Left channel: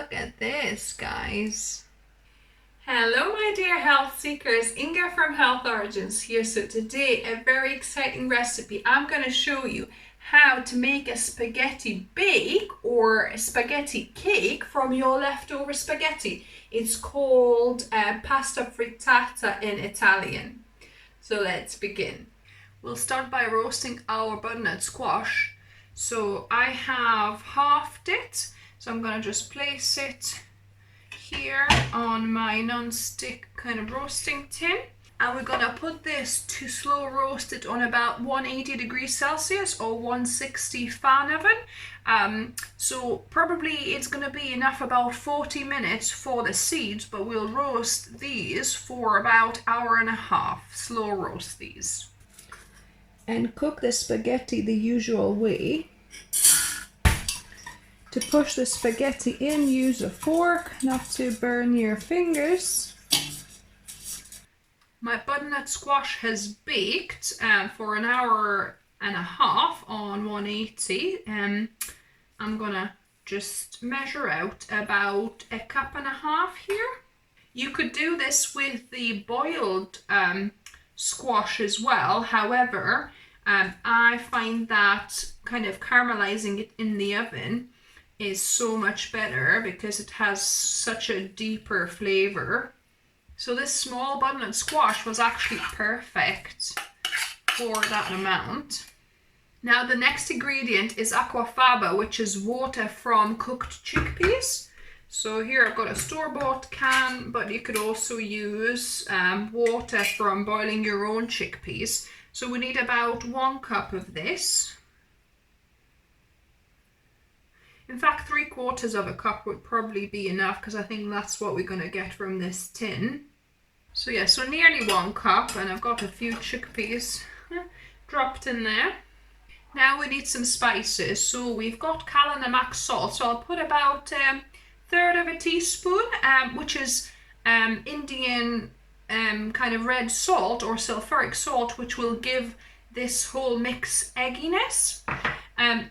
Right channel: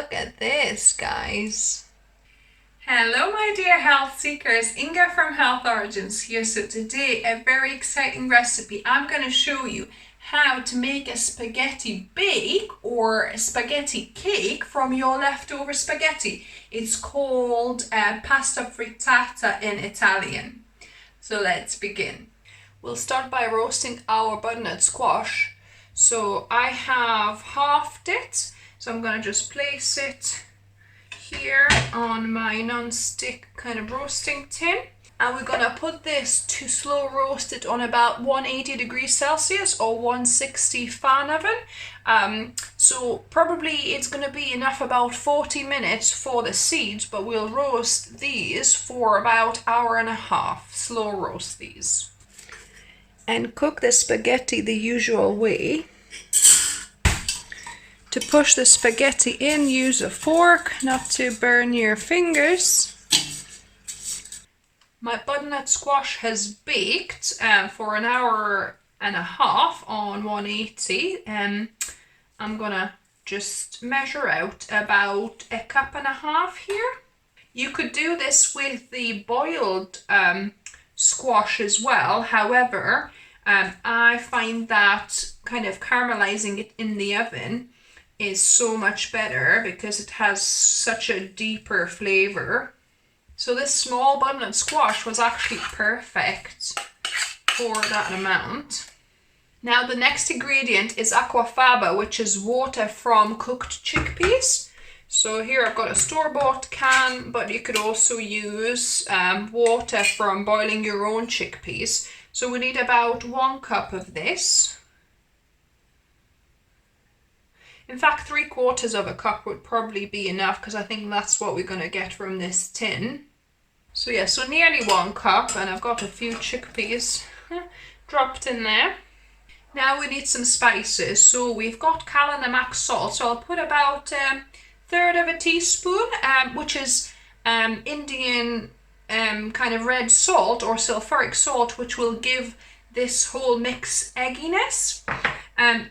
look at this, guys. Hello my dear health seekers, Inga from Health Origins here. So today a very exciting recipe. I'm going to show you how to make a spaghetti bake or a spaghetti cake from your leftover spaghetti. It's called pasta frittata in Italian. So let's begin. We'll start by roasting our butternut squash. So I have halved it, so I'm going to just place it here on my non-stick kind of roasting tin, and we're gonna put this to slow roast it on about 180 degrees Celsius or 160 fan oven. So probably it's gonna be enough about 40 minutes for the seeds, but we'll roast these for about an hour and a half. Slow roast these and cook the spaghetti the usual way. To push the spaghetti in, use a fork, not to burn your fingers. My butternut squash has baked for an hour and a half on 180. I'm gonna just measure out about a cup and a half here. You could do this with the boiled squash as well. However, I find that kind of caramelizing it in the oven is so much better because it has such a deeper flavor. So this small butternut squash was actually perfect for that amount. Now the next ingredient is aquafaba, which is water from cooked chickpeas. So here I've got a store-bought can, but you could also use water from boiling your own chickpeas. So we need about 1 cup of this. In fact, 3/4 of a cup would probably be enough because I think that's what we're going to get from this tin. So yeah, so nearly 1 cup, and I've got a few chickpeas dropped in there. Now we need some spices. So we've got namak salt. So I'll put about 1/3 of a teaspoon, which is Indian kind of red salt or sulfuric salt, which will give this whole mix egginess.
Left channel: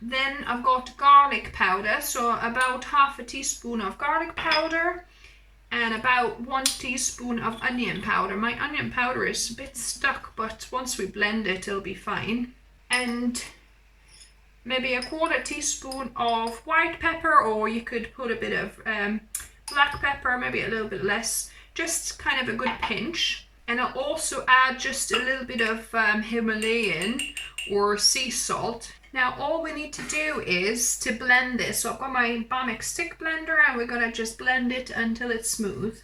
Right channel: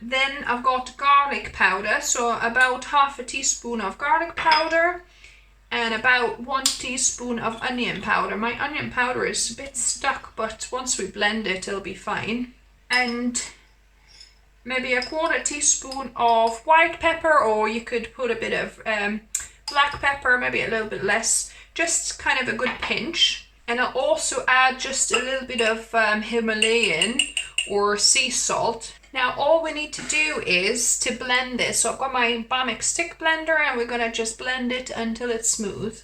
Then I've got garlic powder, so about 1/2 teaspoon of garlic powder and about 1 teaspoon of onion powder. My onion powder is a bit stuck, but once we blend it, it'll be fine. And maybe 1/4 teaspoon of white pepper, or you could put a bit of black pepper, maybe a little bit less, just kind of a good pinch. And I'll also add just a little bit of Himalayan or sea salt. Now all we need to do is to blend this. So I've got my Bamic stick blender and we're going to just blend it until it's smooth.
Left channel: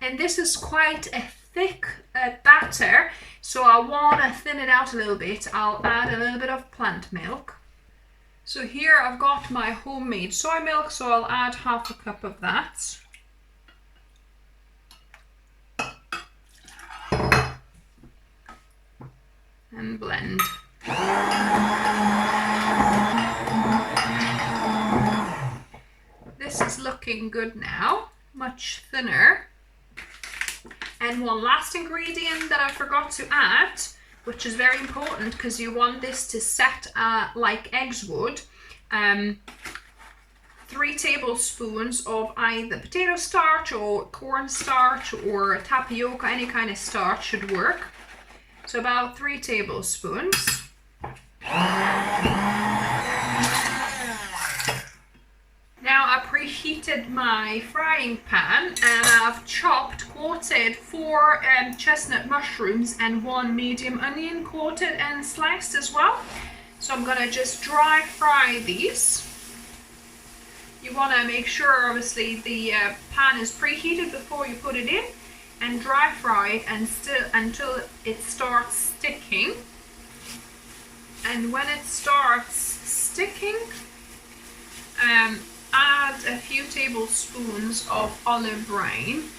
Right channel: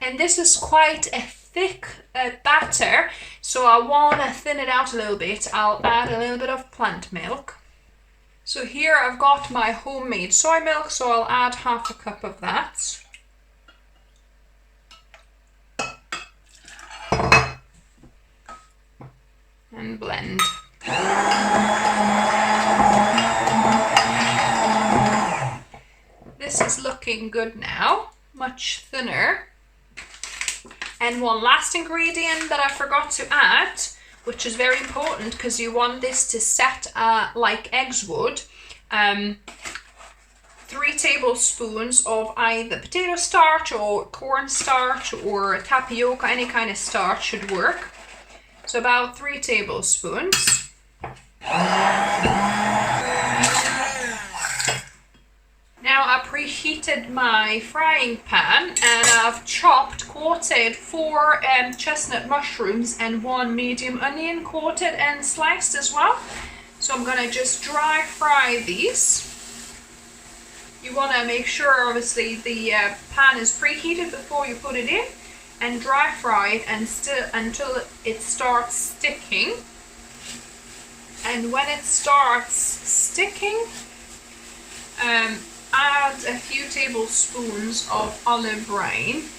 And this is quite a thick batter, so I want to thin it out a little bit. I'll add a little bit of plant milk. So here I've got my homemade soy milk, so I'll add 1/2 cup of that. And blend. This is looking good now, much thinner. And one last ingredient that I forgot to add, which is very important because you want this to set like eggs would. 3 tablespoons of either potato starch or corn starch or tapioca, any kind of starch should work. So about 3 tablespoons. Now I preheated my frying pan and I've quartered 4 chestnut mushrooms and 1 medium onion, quartered and sliced as well. So I'm gonna just dry fry these. You wanna make sure obviously the pan is preheated before you put it in, and dry fry it until it starts sticking. And when it starts sticking, add a few tablespoons of olive brine.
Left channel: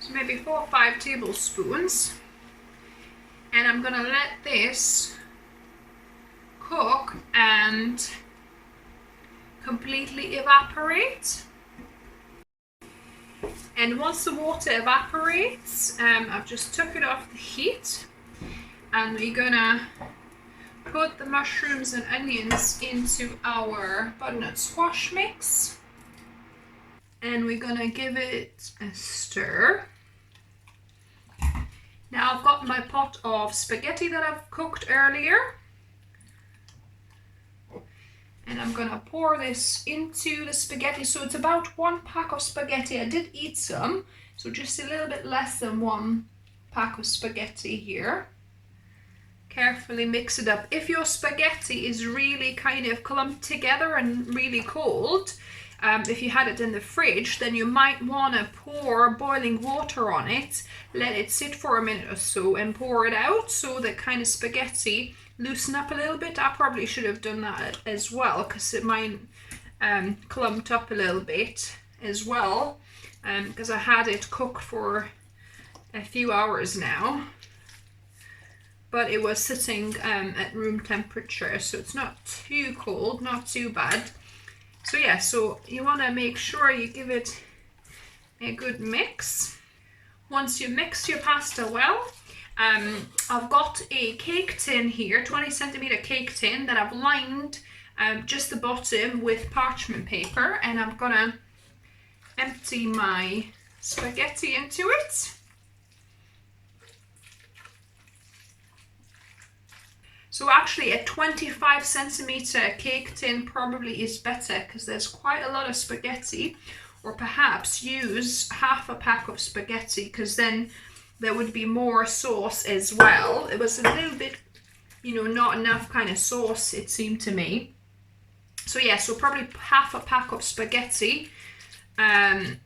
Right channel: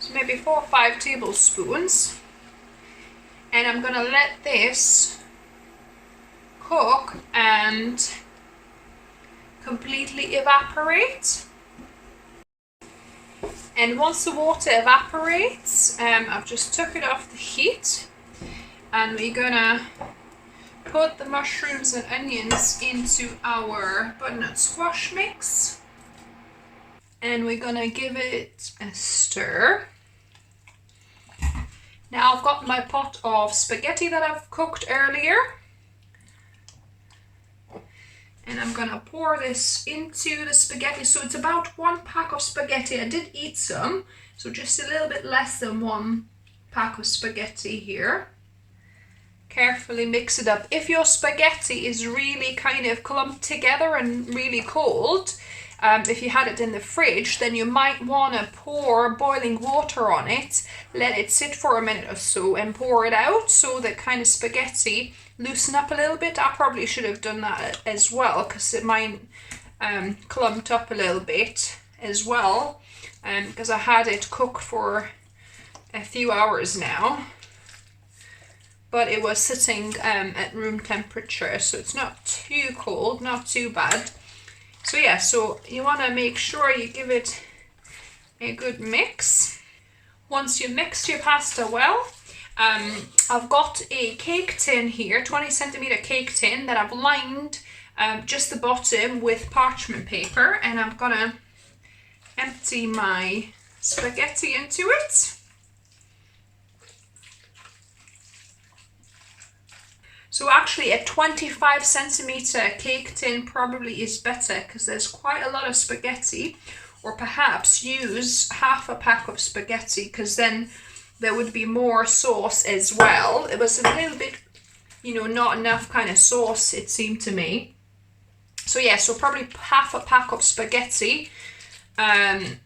So maybe 4 or 5 tablespoons. And I'm gonna let this cook and completely evaporate. And once the water evaporates, I've just took it off the heat, and we're gonna put the mushrooms and onions into our butternut squash mix. And we're gonna give it a stir. Now I've got my pot of spaghetti that I've cooked earlier. And I'm gonna pour this into the spaghetti. So it's about 1 pack of spaghetti. I did eat some, so just a little bit less than 1 pack of spaghetti here. Carefully mix it up. If your spaghetti is really kind of clumped together and really cold, if you had it in the fridge, then you might want to pour boiling water on it, let it sit for a minute or so and pour it out so the kind of spaghetti loosen up a little bit. I probably should have done that as well because it might clumped up a little bit as well, because I had it cooked for a few hours now, but it was sitting at room temperature, so it's not too cold, not too bad. So yeah, so you want to make sure you give it a good mix. Once you mix your pasta well, I've got a cake tin here, 20 centimeter cake tin that I've lined just the bottom with parchment paper, and I'm gonna empty my spaghetti into it. So actually a 25 centimeter cake tin probably is better because there's quite a lot of spaghetti, or perhaps use half a pack of spaghetti because then there would be more sauce as well. It was a little bit, you know, not enough kind of sauce, it seemed to me. So yeah, so probably half a pack of spaghetti,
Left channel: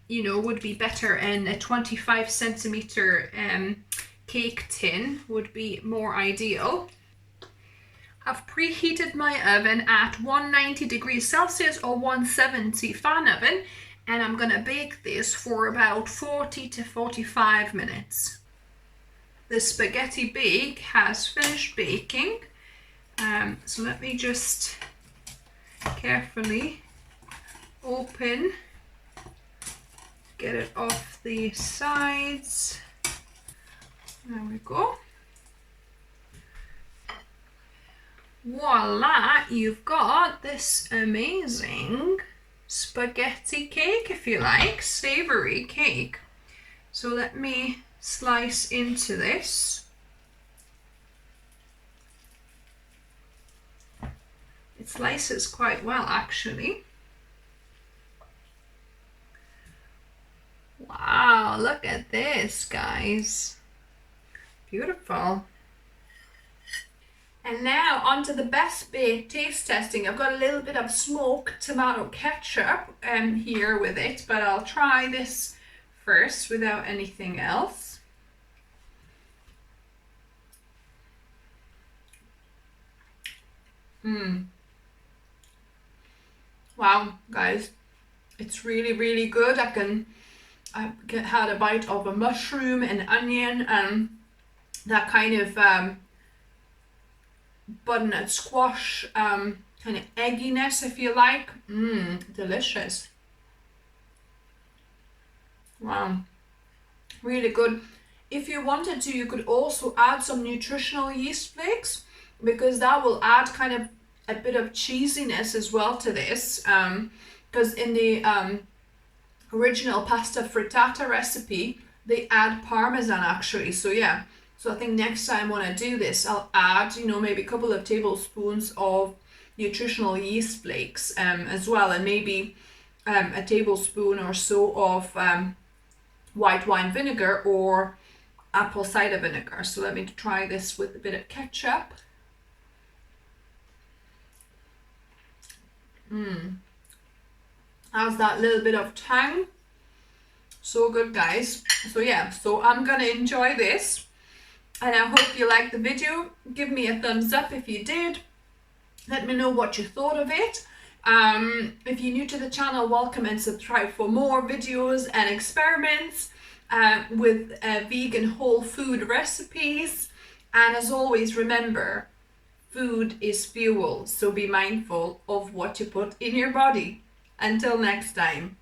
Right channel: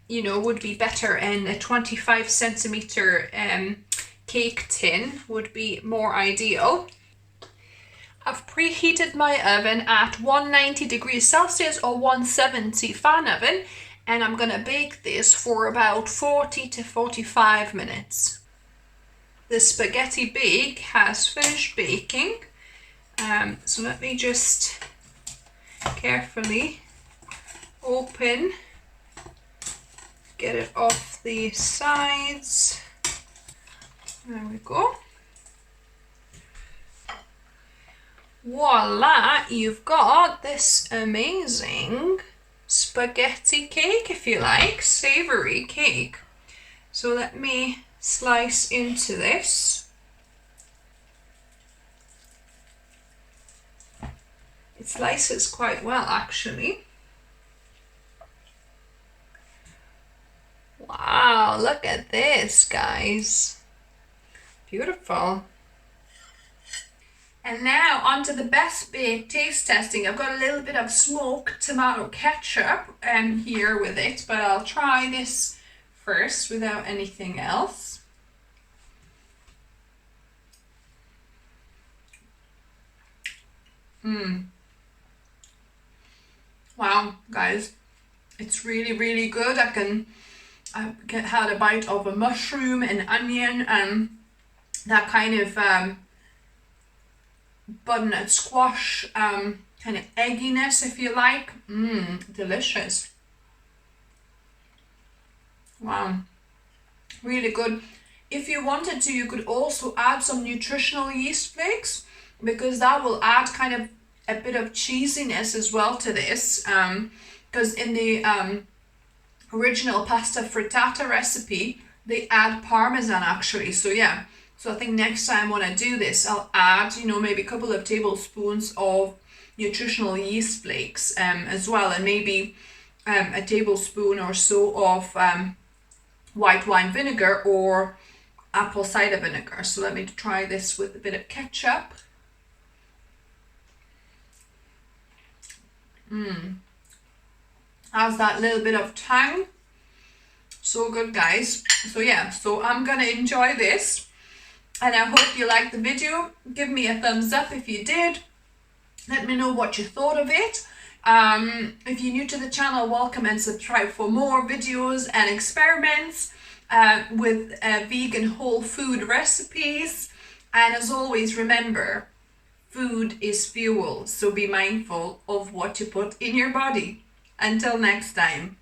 you know, would be better, and a 25 centimeter cake tin would be more ideal. I've preheated my oven at 190 degrees Celsius or 170 fan oven, and I'm gonna bake this for about 40 to 45 minutes. The spaghetti bake has finished baking, so let me just carefully open, get it off the sides. There we go. Voila, you've got this amazing spaghetti cake, if you like, savory cake. So let me slice into this. It slices quite well, actually. Wow, look at this, guys. Beautiful. And now onto the best bit taste testing. I've got a little bit of smoked tomato ketchup here with it, but I'll try this first without anything else. Wow, guys, it's really, really good. I had a bite of a mushroom and onion and that kind of butternut squash, kind of egginess, if you like. Delicious. Wow, really good. If you wanted to, you could also add some nutritional yeast flakes, because that will add kind of a bit of cheesiness as well to this, because in the original pasta frittata recipe they add parmesan actually. So yeah, so I think next time when I do this, I'll add, you know, maybe a couple of tablespoons of nutritional yeast flakes as well, and maybe a tablespoon or so of white wine vinegar or apple cider vinegar. So let me try this with a bit of ketchup. Has that little bit of tang. So good, guys. So yeah, so I'm gonna enjoy this, and I hope you liked the video. Give me a thumbs up if you did. Let me know what you thought of it. If you're new to the channel, welcome and subscribe for more videos and experiments with vegan whole food recipes. And as always, remember, food is fuel, so be mindful of what you put in your body. Until next time.